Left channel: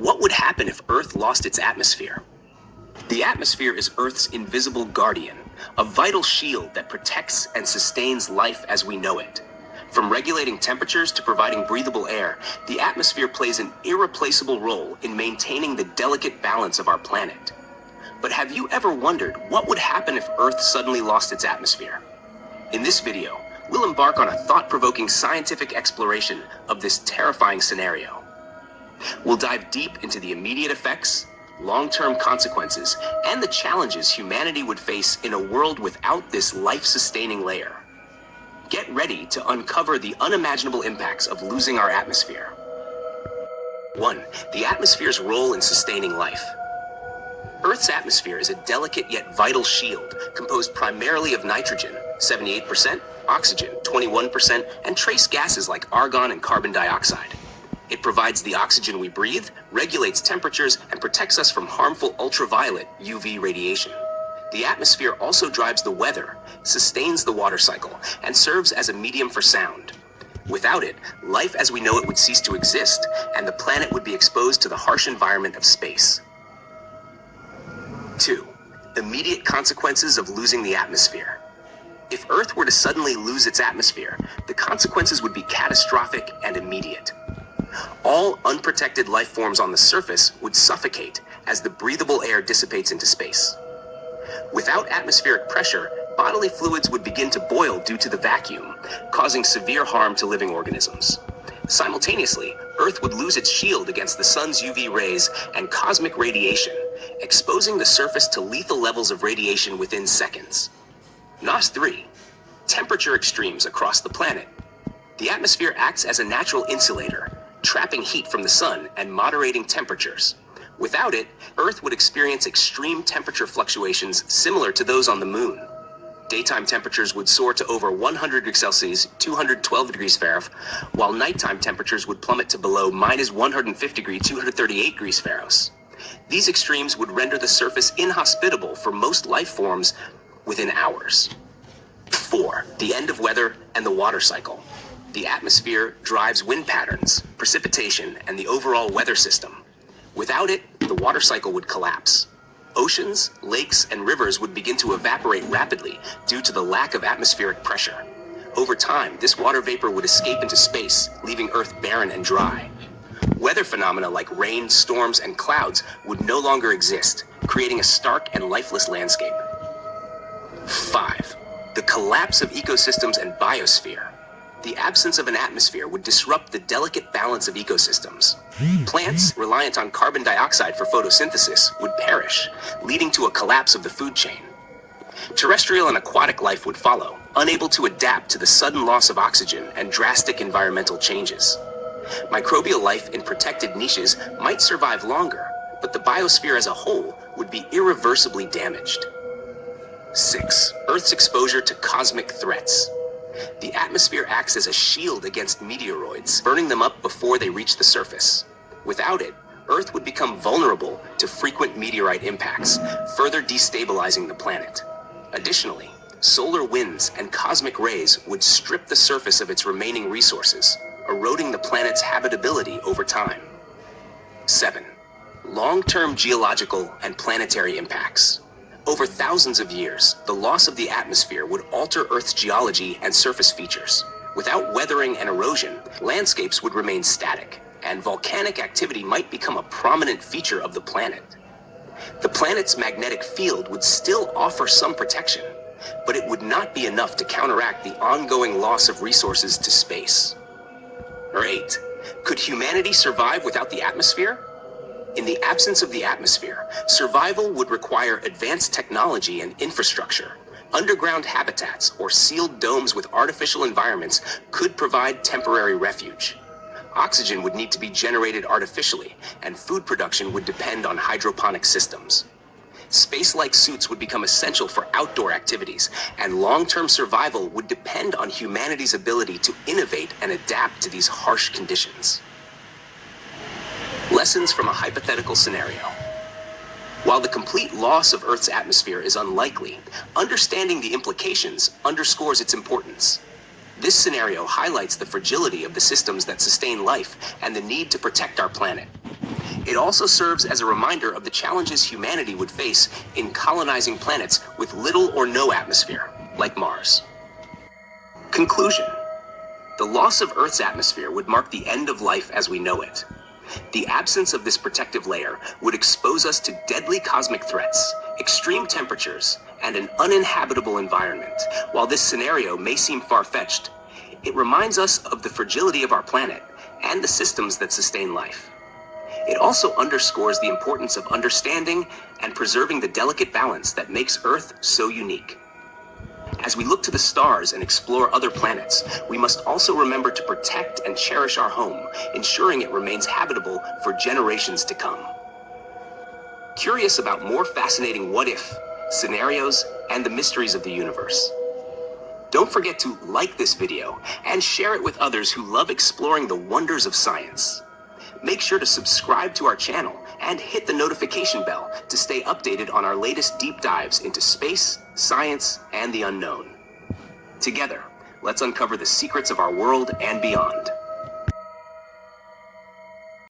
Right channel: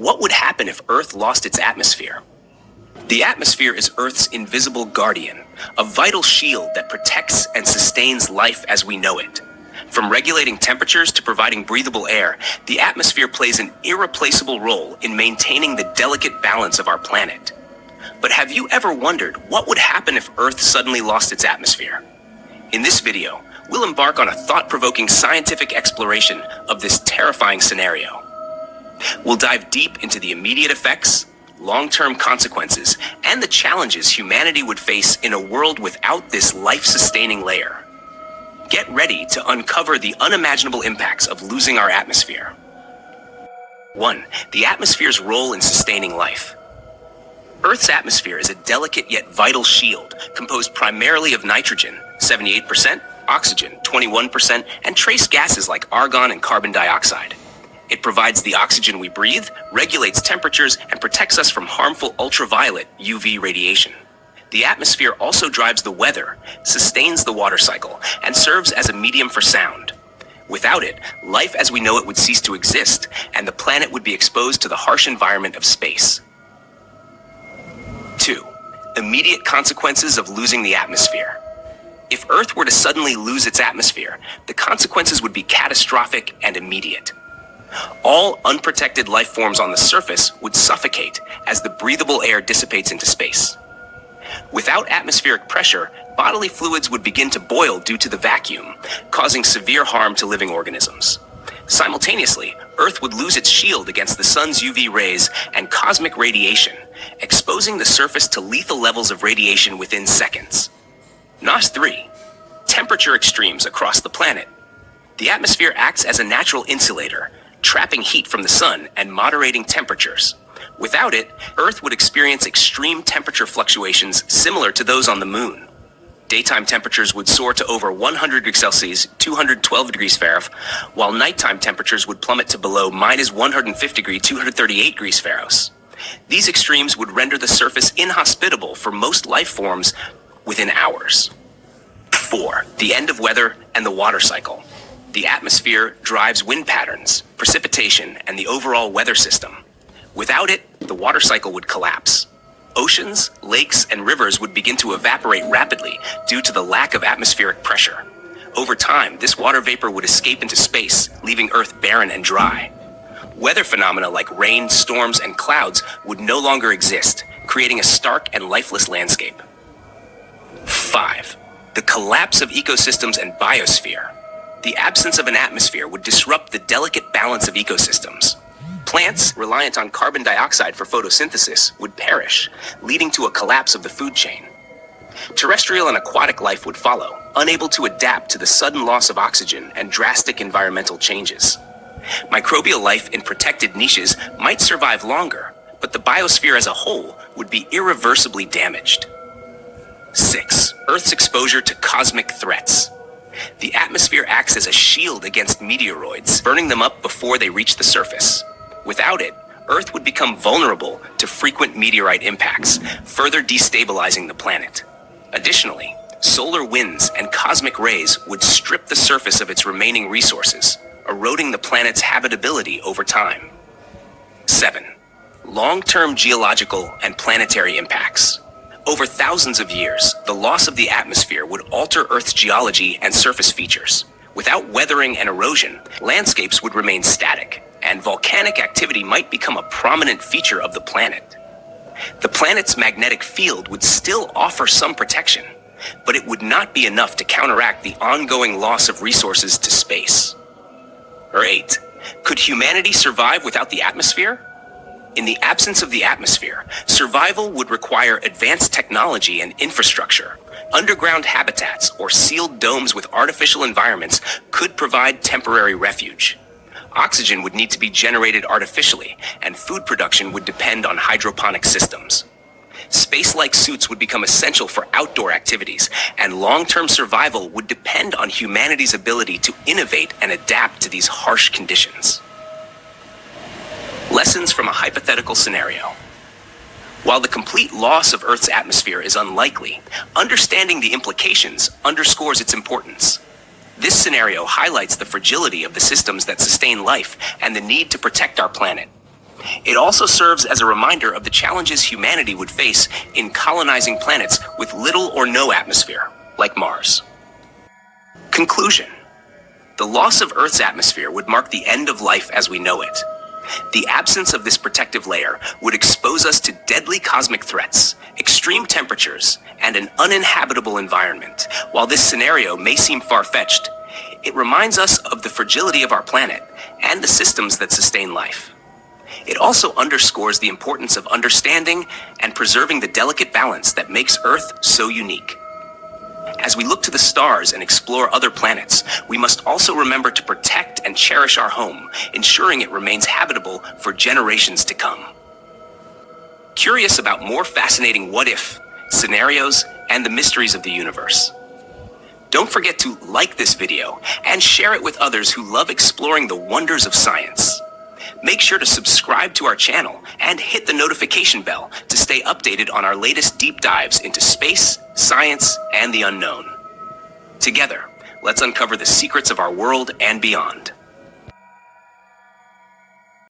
what would happen if Earth lost its atmosphere? The atmosphere is Earth's invisible guardian, a vital shield that protects and sustains life as we know it. From regulating temperatures to providing breathable air, the atmosphere plays an irreplaceable role in maintaining the delicate balance of our planet. But have you ever wondered what would happen if Earth suddenly lost its atmosphere? In this video, we'll embark on a thought-provoking scientific exploration of this terrifying scenario. We'll dive deep into the immediate effects, long-term consequences, and the challenges humanity would face in a world without this life-sustaining layer. Get ready to uncover the unimaginable impacts of losing our atmosphere. 1. The atmosphere's role in sustaining life. Earth's atmosphere is a delicate yet vital shield composed primarily of nitrogen, 78%, oxygen, 21%, and trace gases like argon and carbon dioxide. It provides the oxygen we breathe, regulates temperatures, and protects us from harmful ultraviolet UV radiation. The atmosphere also drives the weather, sustains the water cycle, and serves as a medium for sound. Without it, life as we know it would cease to exist, and the planet would be exposed to the harsh environment of space. 2. Immediate consequences of losing the atmosphere. If Earth were to suddenly lose its atmosphere, the consequences would be catastrophic and immediate. All unprotected life forms on the surface would suffocate as the breathable air dissipates into space. Without atmospheric pressure, bodily fluids would begin to boil due to the vacuum, causing severe harm to living organisms. Simultaneously, Earth would lose its shield against the sun's UV rays and cosmic radiation, exposing the surface to lethal levels of radiation within seconds. NOS 3. Temperature extremes across the planet. The atmosphere acts as a natural insulator, trapping heat from the sun and moderating temperatures. Without it, Earth would experience extreme temperature fluctuations similar to those on the moon. Daytime temperatures would soar to over 100 degrees Celsius, 212 degrees Fahrenheit, while nighttime temperatures would plummet to below -150 degrees, 238 degrees Fahrenheit. These extremes would render the surface inhospitable for most life forms within hours. 4. The end of weather and the water cycle. The atmosphere drives wind patterns, precipitation, and the overall weather system. Without it, the water cycle would collapse. Oceans, lakes, and rivers would begin to evaporate rapidly due to the lack of atmospheric pressure. Over time, this water vapor would escape into space, leaving Earth barren and dry. Weather phenomena like rain, storms, and clouds would no longer exist, creating a stark and lifeless landscape. 5. The collapse of ecosystems and biosphere. The absence of an atmosphere would disrupt the delicate balance of ecosystems. Plants, reliant on carbon dioxide for photosynthesis, would perish, leading to a collapse of the food chain. Terrestrial and aquatic life would follow, unable to adapt to the sudden loss of oxygen and drastic environmental changes. Microbial life in protected niches might survive longer, but the biosphere as a whole would be irreversibly damaged. 6. Earth's exposure to cosmic threats. The atmosphere acts as a shield against meteoroids, burning them up before they reach the surface. Without it, Earth would become vulnerable to frequent meteorite impacts, further destabilizing the planet. Additionally, solar winds and cosmic rays would strip the surface of its remaining resources, eroding the planet's habitability over time. 7. Long-term geological and planetary impacts. Over thousands of years, the loss of the atmosphere would alter Earth's geology and surface features. Without weathering and erosion, landscapes would remain static, and volcanic activity might become a prominent feature of the planet. The planet's magnetic field would still offer some protection, but it would not be enough to counteract the ongoing loss of resources to space. 8. Could humanity survive without the atmosphere? In the absence of the atmosphere, survival would require advanced technology and infrastructure. Underground habitats or sealed domes with artificial environments could provide temporary refuge. Oxygen would need to be generated artificially, and food production would depend on hydroponic systems. Space-like suits would become essential for outdoor activities, and long-term survival would depend on humanity's ability to innovate and adapt to these harsh conditions. Lessons from a hypothetical scenario. While the complete loss of Earth's atmosphere is unlikely, understanding the implications underscores its importance. This scenario highlights the fragility of the systems that sustain life and the need to protect our planet. It also serves as a reminder of the challenges humanity would face in colonizing planets with little or no atmosphere, like Mars. Conclusion. The loss of Earth's atmosphere would mark the end of life as we know it. The absence of this protective layer would expose us to deadly cosmic threats, extreme temperatures, and an uninhabitable environment. While this scenario may seem far-fetched, it reminds us of the fragility of our planet and the systems that sustain life. It also underscores the importance of understanding and preserving the delicate balance that makes Earth so unique. As we look to the stars and explore other planets, we must also remember to protect and cherish our home, ensuring it remains habitable for generations to come. Curious about more fascinating what-if scenarios and the mysteries of the universe? Don't forget to like this video and share it with others who love exploring the wonders of science. Make sure to subscribe to our channel and hit the notification bell to stay updated on our latest deep dives into space, science, and the unknown. Together, let's uncover the secrets of our world and beyond.